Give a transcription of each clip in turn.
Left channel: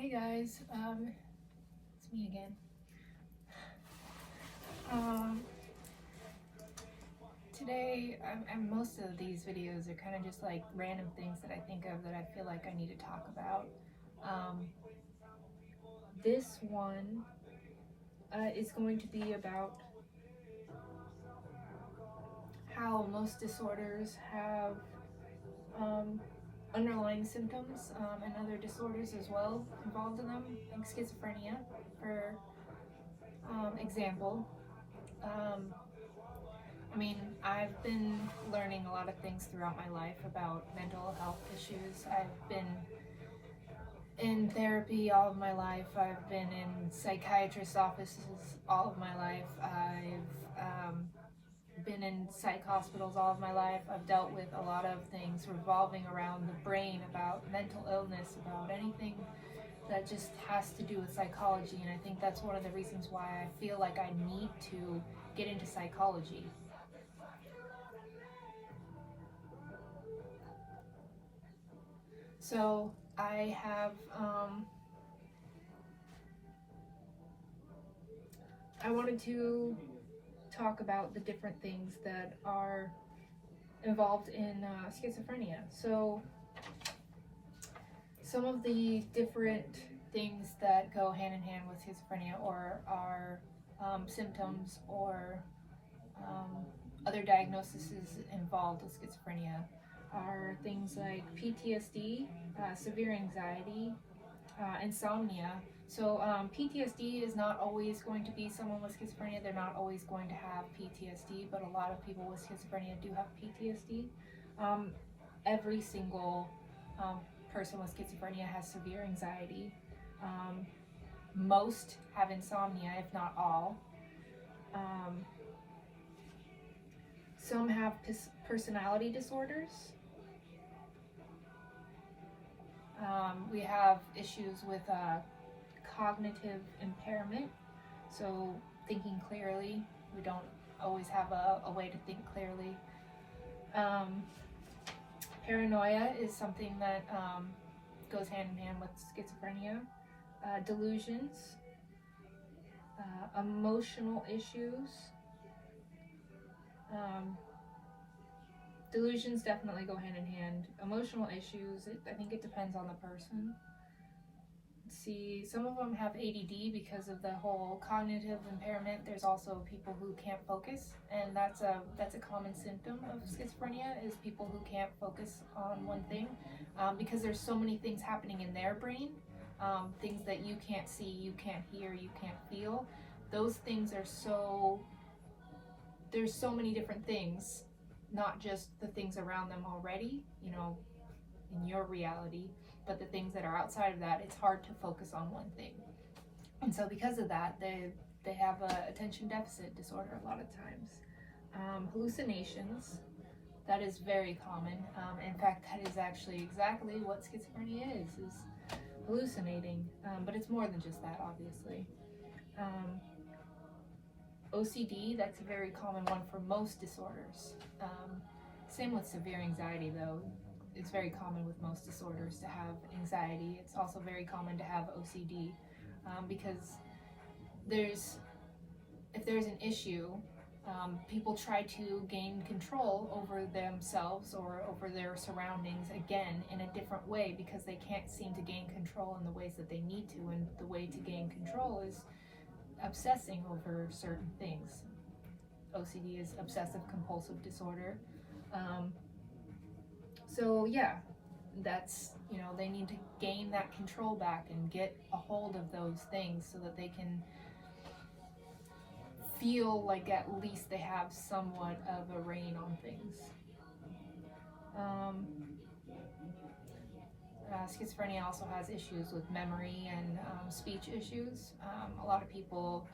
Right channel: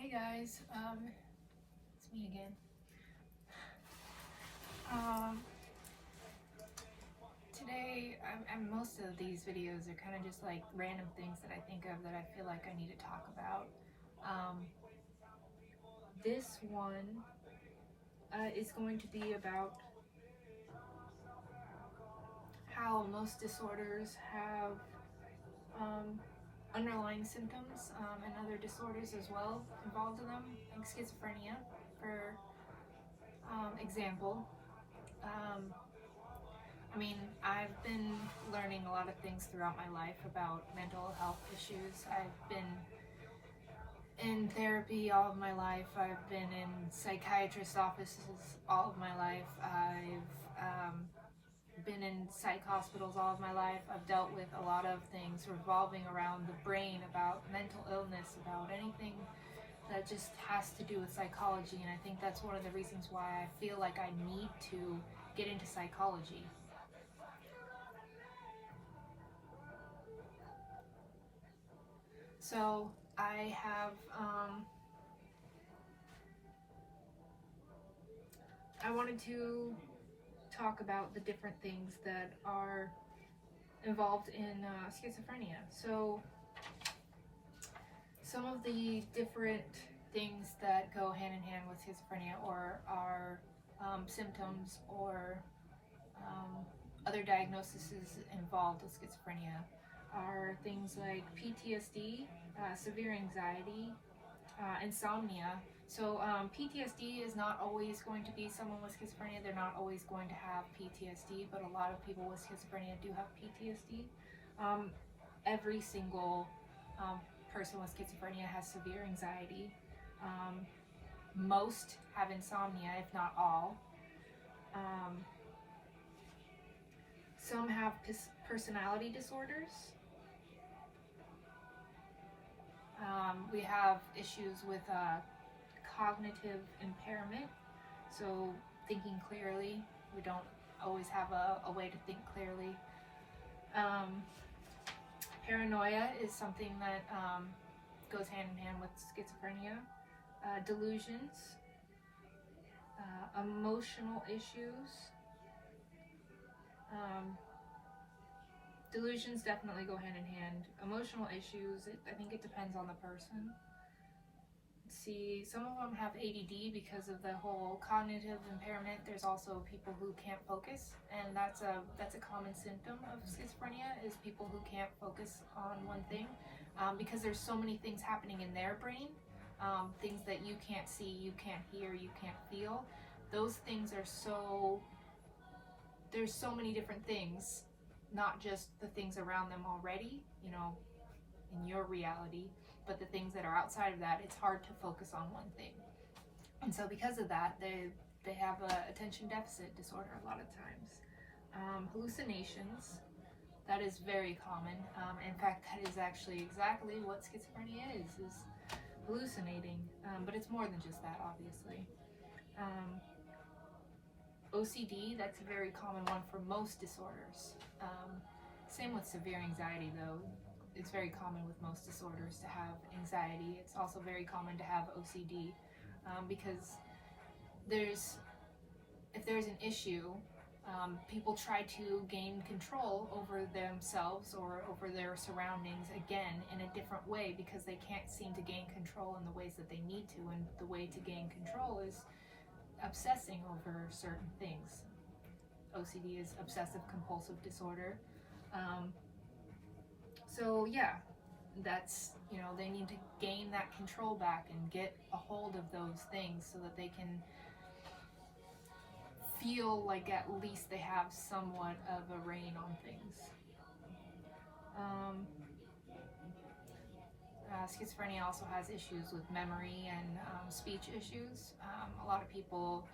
Hey guys, it's me again. Today, and most of these videos are kind of just like random things that I think of that I feel like I need to talk about. This one is going to be about how most disorders have underlying symptoms and other disorders as well involved in them, like schizophrenia, for example. I've been learning a lot of things throughout my life about mental health issues. I've been in therapy all of my life. I've been in psychiatrist offices all of my life. I've been in psych hospitals all of my life. I've dealt with a lot of things revolving around the brain, about mental illness, about anything that just has to do with psychology. And I think that's one of the reasons why I feel like I need to get into psychology. So I have, I wanted to talk about the different things that are involved in schizophrenia. So some of the different things that go hand in hand with schizophrenia or are symptoms or other diagnoses involved with schizophrenia are things like PTSD, severe anxiety, insomnia. So PTSD is not always going to be someone with schizophrenia. They're not always going to have PTSD, but a lot of people with schizophrenia do have PTSD. Every single person with schizophrenia has severe anxiety. Most have insomnia, if not all. Some have personality disorders. We have issues with cognitive impairment, so thinking clearly. We don't always have a way to think clearly. Paranoia is something that goes hand in hand with schizophrenia. Delusions, emotional issues. Delusions definitely go hand in hand. Emotional issues, I think it depends on the person. Let's see, some of them have ADD because of the whole cognitive impairment. There's also people who can't focus, and that's a common symptom of schizophrenia, is people who can't focus on one thing because there's so many things happening in their brain, things that you can't see, you can't hear, you can't feel. Those things are there's so many different things, not just the things around them already, in your reality, but the things that are outside of that. It's hard to focus on one thing. And so because of that, they have a attention deficit disorder a lot of times. Hallucinations, that is very common. In fact, that is actually exactly what schizophrenia is hallucinating, but it's more than just that, obviously. OCD, that's a very common one for most disorders. Same with severe anxiety, though. It's very common with most disorders to have anxiety. It's also very common to have OCD because if there's an issue, people try to gain control over themselves or over their surroundings, again, in a different way, because they can't seem to gain control in the ways that they need to. And the way to gain control is obsessing over certain things. OCD is obsessive compulsive disorder. So yeah, that's, they need to gain that control back and get a hold of those things so that they can feel like at least they have somewhat of a reign on things. Schizophrenia also has issues with memory and speech issues. A lot of people,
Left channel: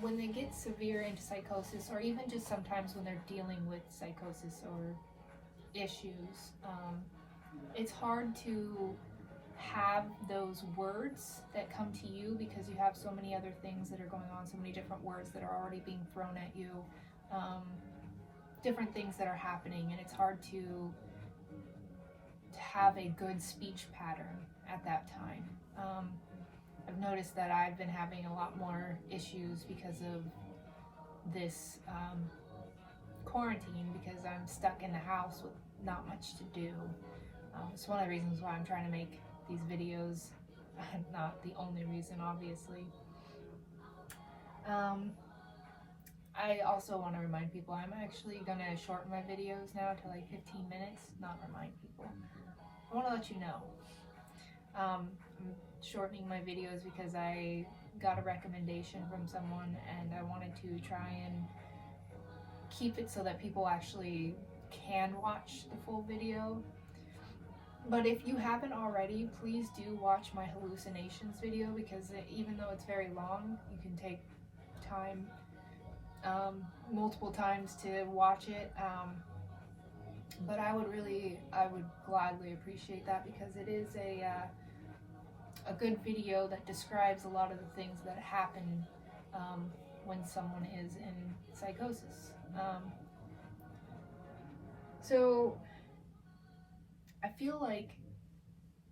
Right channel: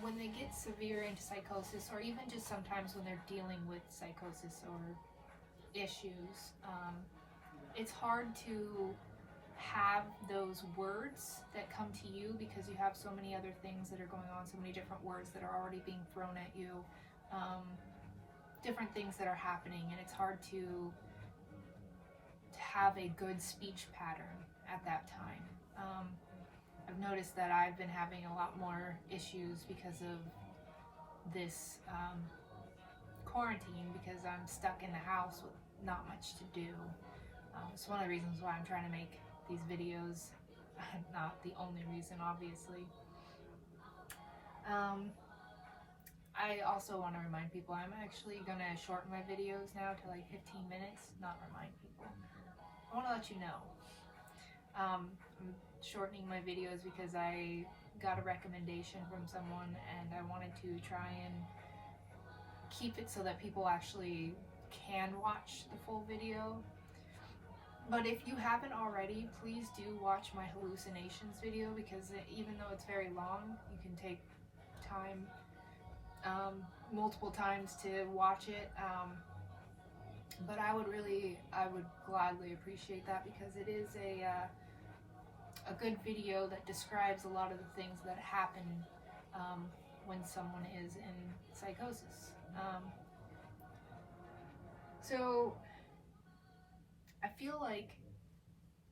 when they get severe into psychosis, or even just sometimes when they're dealing with psychosis or issues, it's hard to have those words that come to you because you have so many other things that are going on, so many different words that are already being thrown at you, different things that are happening, and it's hard to have a good speech pattern at that time. I've noticed that I've been having a lot more issues because of this quarantine, because I'm stuck in the house with not much to do. It's one of the reasons why I'm trying to make these videos. Not the only reason, obviously. I also want to remind people I'm actually going to shorten my videos now to like 15 minutes, not remind people. I want to let you know. I'm shortening my videos because I got a recommendation from someone, and I wanted to try and keep it so that people actually can watch the full video. But if you haven't already, please do watch my hallucinations video, because even though it's very long, you can take time multiple times to watch it. But I would gladly appreciate that, because it is a good video that describes a lot of the things that happen when someone is in psychosis. So I feel like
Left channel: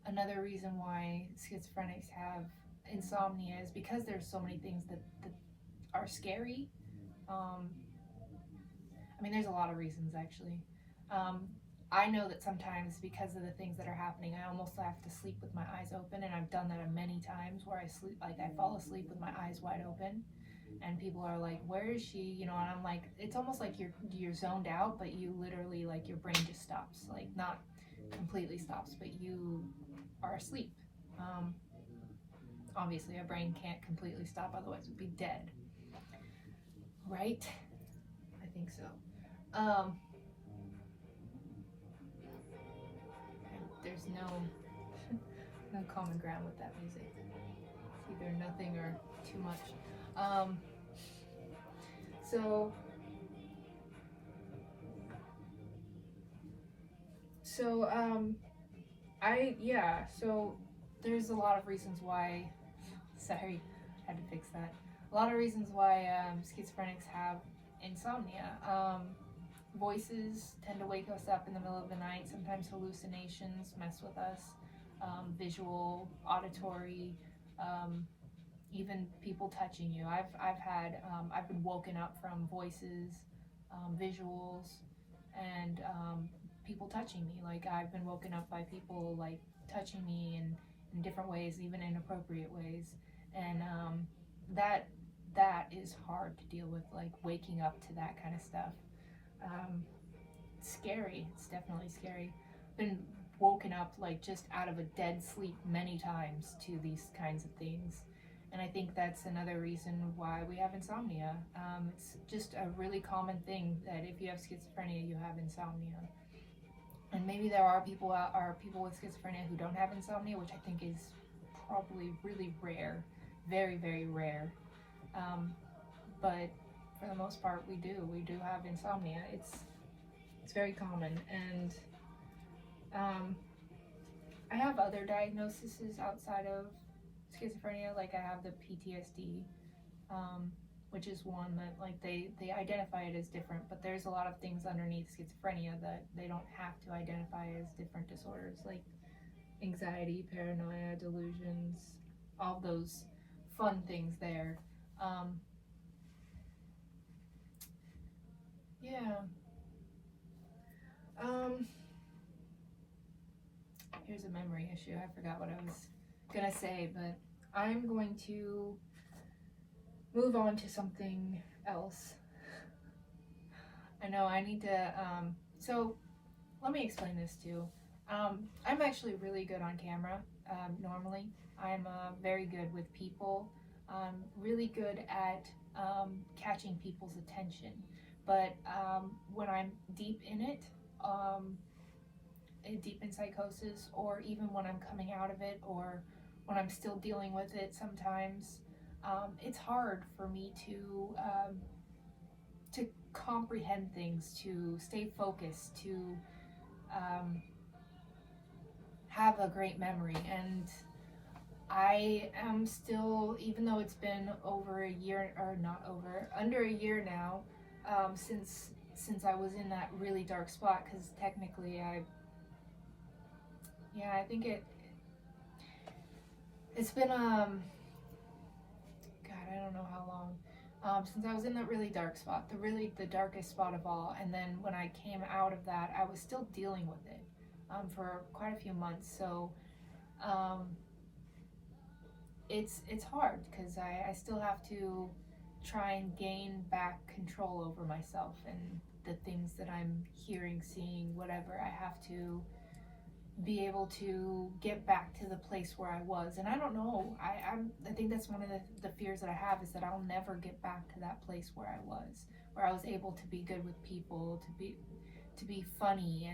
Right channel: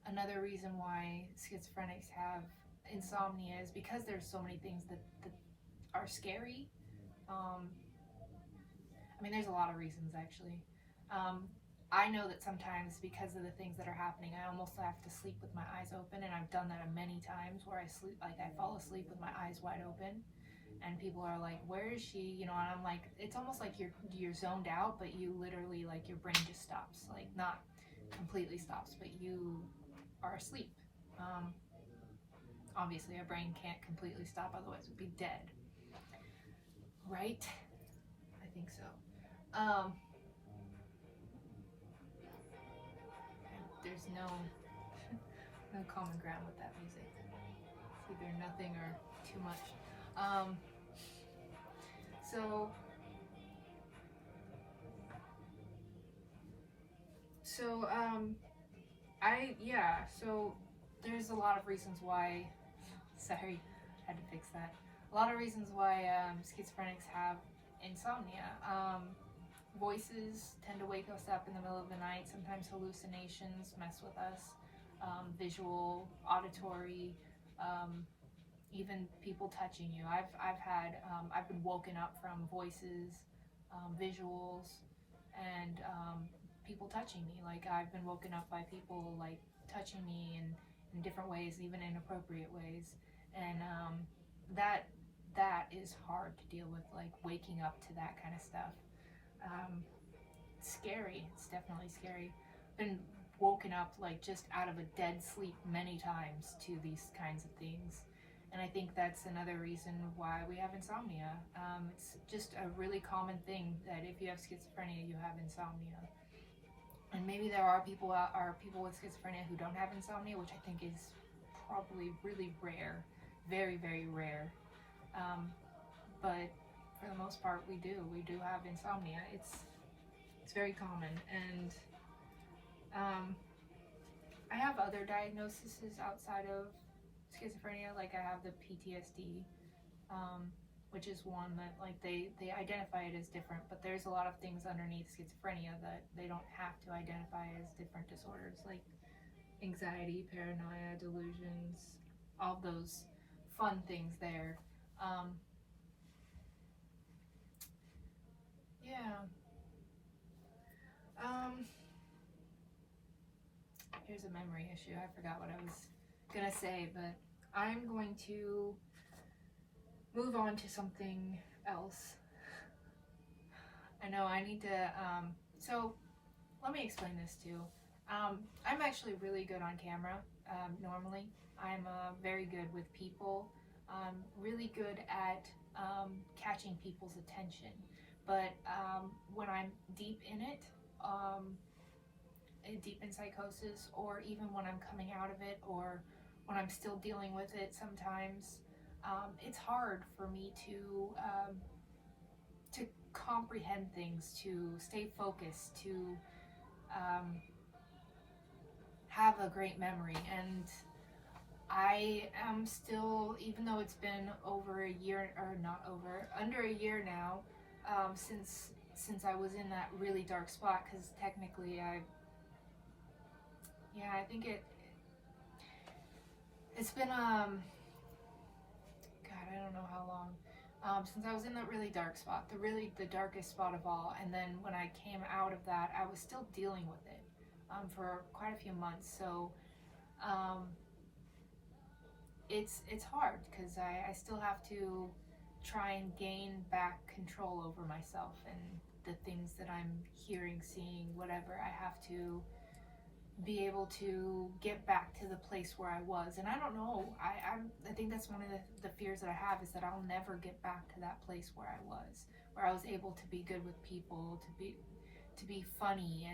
another reason why schizophrenics have insomnia is because there's so many things that are scary. I mean, there's a lot of reasons, actually. I know that sometimes, because of the things that are happening, I almost have to sleep with my eyes open, and I've done that many times where I fall asleep with my eyes wide open, and people are like, where is she? You know, and I'm like, it's almost like you're zoned out, but you literally, like, your brain just stops, like, not completely stops, but you are asleep. Obviously, our brain can't completely stop, otherwise it would be dead, right? I think so. There's no common ground with that music. It's either nothing or too much. So there's a lot of reasons why, sorry, I had to fix that. A lot of reasons why schizophrenics have insomnia. Voices tend to wake us up in the middle of the night. Sometimes hallucinations mess with us. Visual, auditory, even people touching you. I've been woken up from voices, visuals, and people touching me. Like, I've been woken up by people like touching me in different ways, even inappropriate ways, and that is hard to deal with, like waking up to that kind of stuff. Scary. It's definitely scary. Been woken up like just out of a dead sleep many times to these kinds of things, and I think that's another reason why we have insomnia. It's just a really common thing that if you have schizophrenia, you have insomnia. And maybe there are people with schizophrenia who don't have insomnia, which I think is probably really rare, very, very rare. But for the most part, we do have insomnia. It's very common, and I have other diagnoses outside of schizophrenia. Like, I have the PTSD, which is one that, like, they identify it as different, but there's a lot of things underneath schizophrenia that they don't have to identify as different disorders, like anxiety, paranoia, delusions, all those fun things there. Here's a memory issue. I forgot what I was gonna say, but I'm going to move on to something else. I know I need to, so let me explain this too. I'm actually really good on camera, normally. I'm very good with people, really good at catching people's attention. But when I'm deep in it, deep in psychosis, or even when I'm coming out of it, or when I'm still dealing with it sometimes, it's hard for me to comprehend things, to stay focused, to have a great memory. And I am still, even though it's been over a year, or not over, under a year now, since I was in that really dark spot, because technically Yeah, I think it's been God, I don't know how long. Since I was in that really dark spot, the darkest spot of all, and then when I came out of that, I was still dealing with it for quite a few months. So um, it's hard because I still have to try and gain back control over myself and the things that I'm hearing, seeing, whatever. I have to be able to get back to the place where I was. And I don't know, I think that's one of the fears that I have, is that I'll never get back to that place where I was able to be good with people, to be funny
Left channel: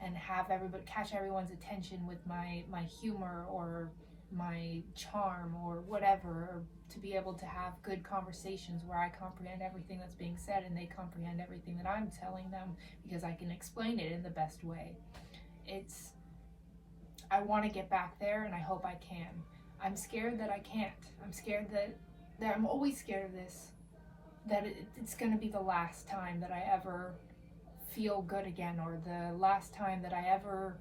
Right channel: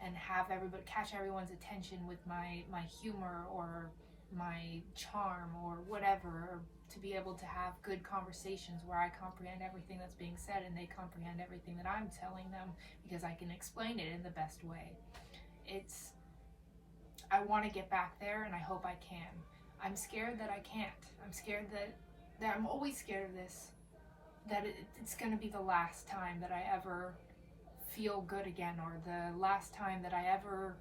and have everybody, catch everyone's attention with my humor or my charm or whatever, or to be able to have good conversations where I comprehend everything that's being said and they comprehend everything that I'm telling them because I can explain it in the best way. I want to get back there, and I hope I can. I'm scared that I can't. I'm scared that I'm always scared of this, that it's going to be the last time that I ever feel good again, or the last time that I ever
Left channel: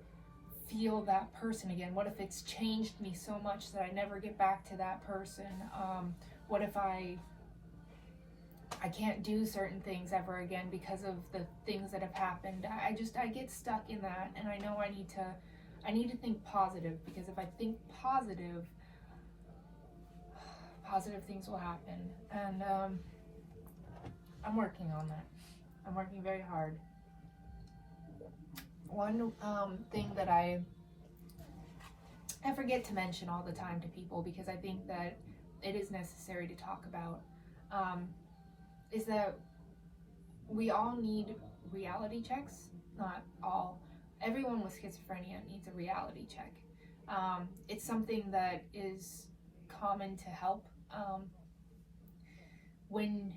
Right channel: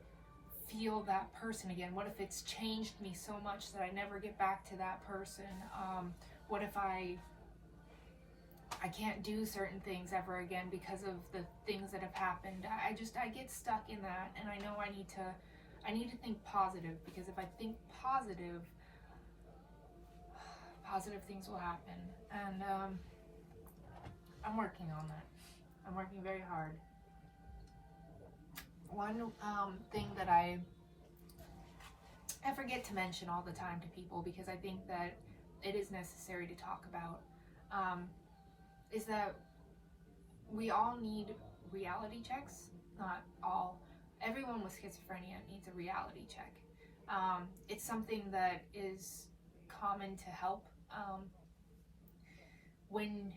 feel that person again. What if it's changed me so much that I never get back to that person? What if I can't do certain things ever again because of the things that have happened? I get stuck in that, and I know I need to think positive, because if I think positive things will happen. And I'm working on that. I'm working very hard. One thing that I forget to mention all the time to people, because I think that it is necessary to talk about, is that we all need reality checks. Not all. Everyone with schizophrenia needs a reality check. It's something that is common to help when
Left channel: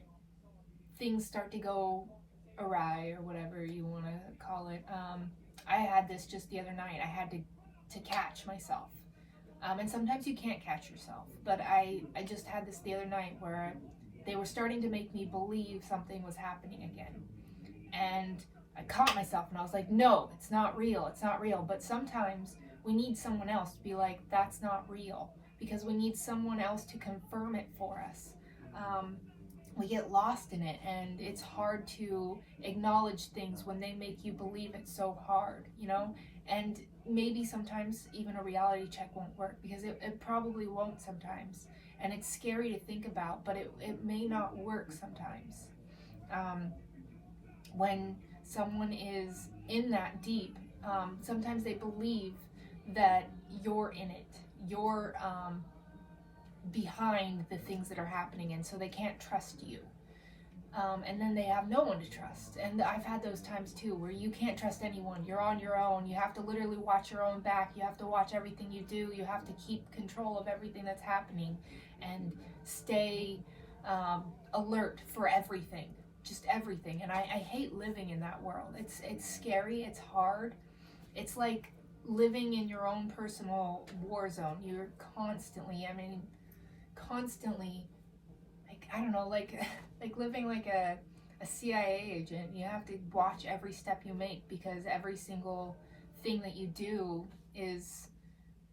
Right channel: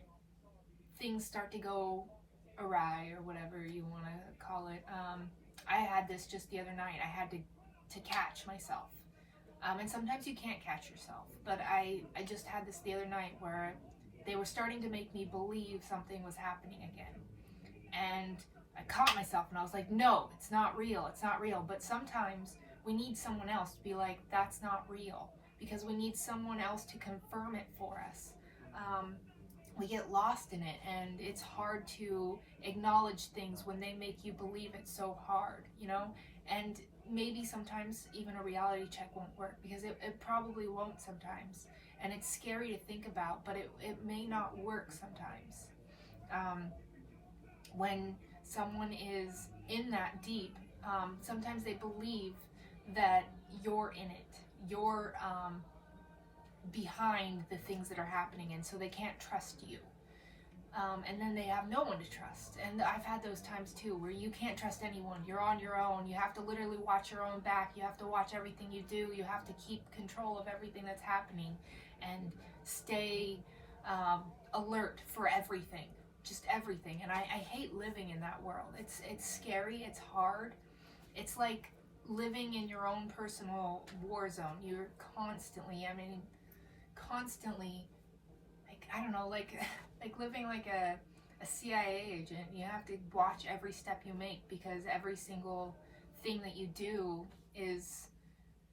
things start to go awry, or whatever you want to call it. I had this just the other night. I had to catch myself. And sometimes you can't catch yourself. But I just had this the other night where they were starting to make me believe something was happening again. And I caught myself and I was like, no, it's not real. It's not real. But sometimes we need someone else to be like, that's not real, because we need someone else to confirm it for us. We get lost in it, and it's hard to acknowledge things when they make you believe it so hard, and maybe sometimes even a reality check won't work, because it probably won't sometimes, and it's scary to think about, but it may not work sometimes. When someone is in that deep, sometimes they believe that you're in it, you're behind the things that are happening, and so they can't trust you. And then they have no one to trust. And I've had those times too, where you can't trust anyone. You're on your own. You have to literally watch your own back. You have to watch everything you do. You have to keep control of everything that's happening and stay alert for everything, just everything. And I hate living in that world. It's scary. It's hard. It's like living in your own personal war zone. You're constantly, like, I don't know, like living like a CIA agent. You have to watch every step you make, because every single thing that you do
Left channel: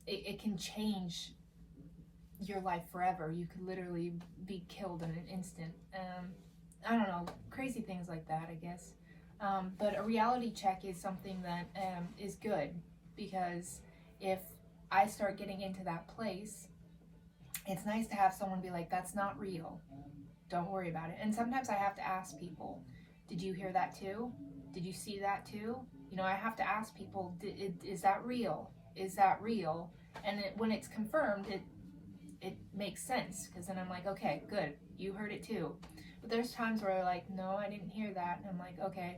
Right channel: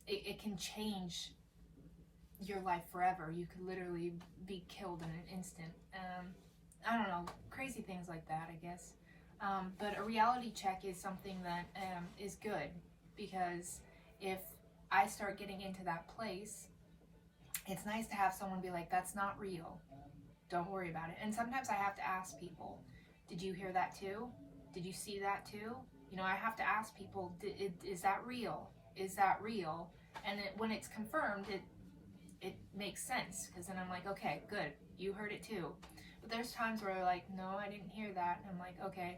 it can change your life forever. You could literally be killed in an instant. I don't know, crazy things like that, I guess. But a reality check is something that is good, because if I start getting into that place, it's nice to have someone be like, that's not real. Don't worry about it. And sometimes I have to ask people, did you hear that too? Did you see that too? I have to ask people, is that real? Is that real? And when it's confirmed, it makes sense, because then I'm like, okay, good, you heard it too. But there's times where I'm like, no, I didn't hear that. And I'm like, okay,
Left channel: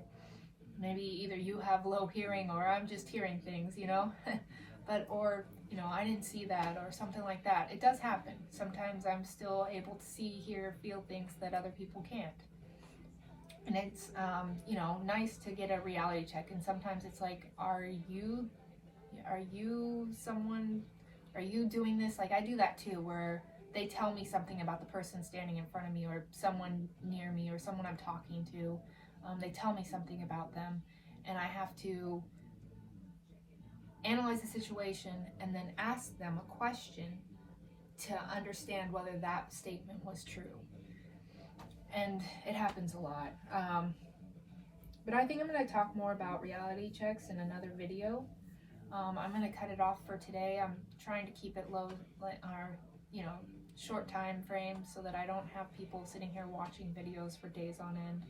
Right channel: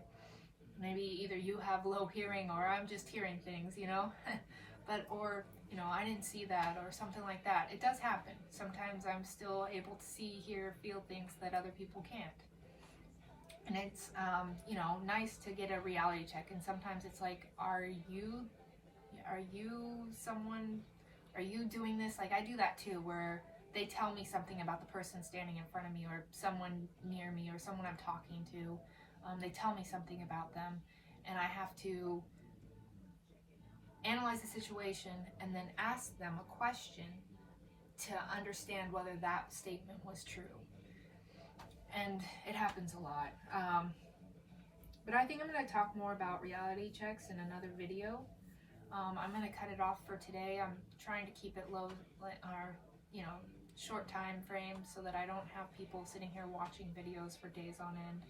maybe either you have low hearing or I'm just hearing things, but, or, I didn't see that, or something like that. It does happen. Sometimes I'm still able to see, hear, feel things that other people can't. And it's, nice to get a reality check. And sometimes it's like, are you doing this? Like, I do that too, where they tell me something about the person standing in front of me, or someone near me, or someone I'm talking to. They tell me something about them, and I have to analyze the situation, and then ask them a question to understand whether that statement was true. And it happens a lot. But I think I'm going to talk more about reality checks in another video. I'm going to cut it off for today. I'm trying to keep it low, or short time frame, so that I don't have people sitting here watching videos for days on end,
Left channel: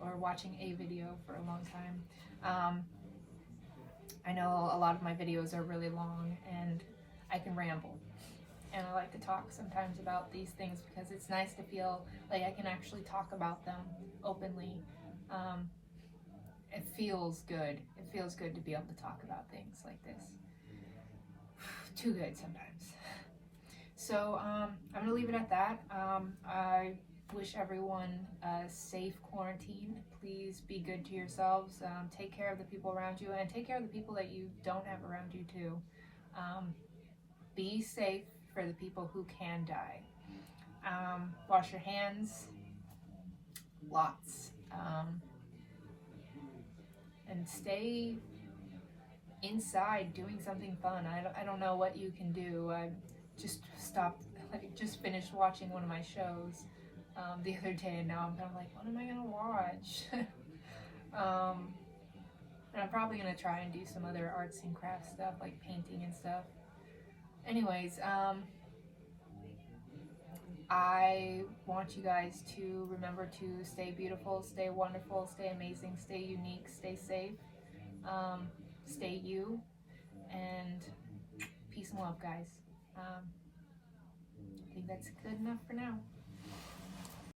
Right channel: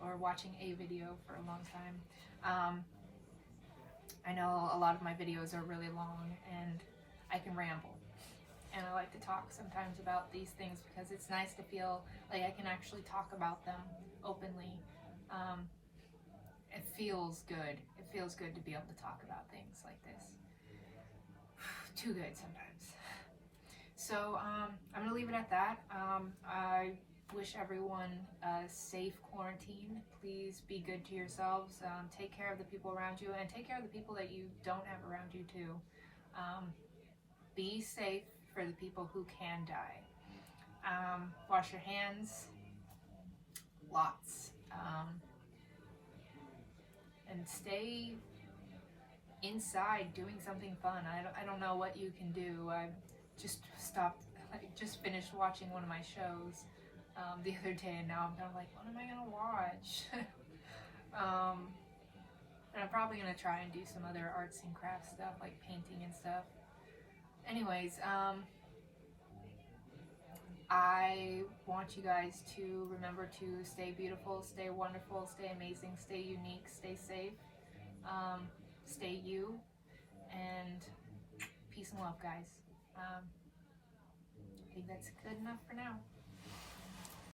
or watching a video for a long time. I know a lot of my videos are really long, and I can ramble. And I like to talk sometimes about these things because it's nice to feel like I can actually talk about them openly. It feels good. It feels good to be able to talk about things like this. Too good sometimes. So I'm going to leave it at that. I wish everyone a safe quarantine. Please be good to yourselves. Take care of the people around you, and take care of the people that you don't have around you too. Be safe for the people who can die. Wash your hands, lots, and stay inside doing something fun. I don't know what you can do. I just finished watching one of my shows the other day, and now I'm kind of like, what am I gonna watch? And I'm probably gonna try and do some other arts and crafts stuff, like painting and stuff. Anyways, I want you guys to remember to stay beautiful, stay wonderful, stay amazing, stay unique, stay safe, stay you, and peace and love, guys. I think that's good enough for now.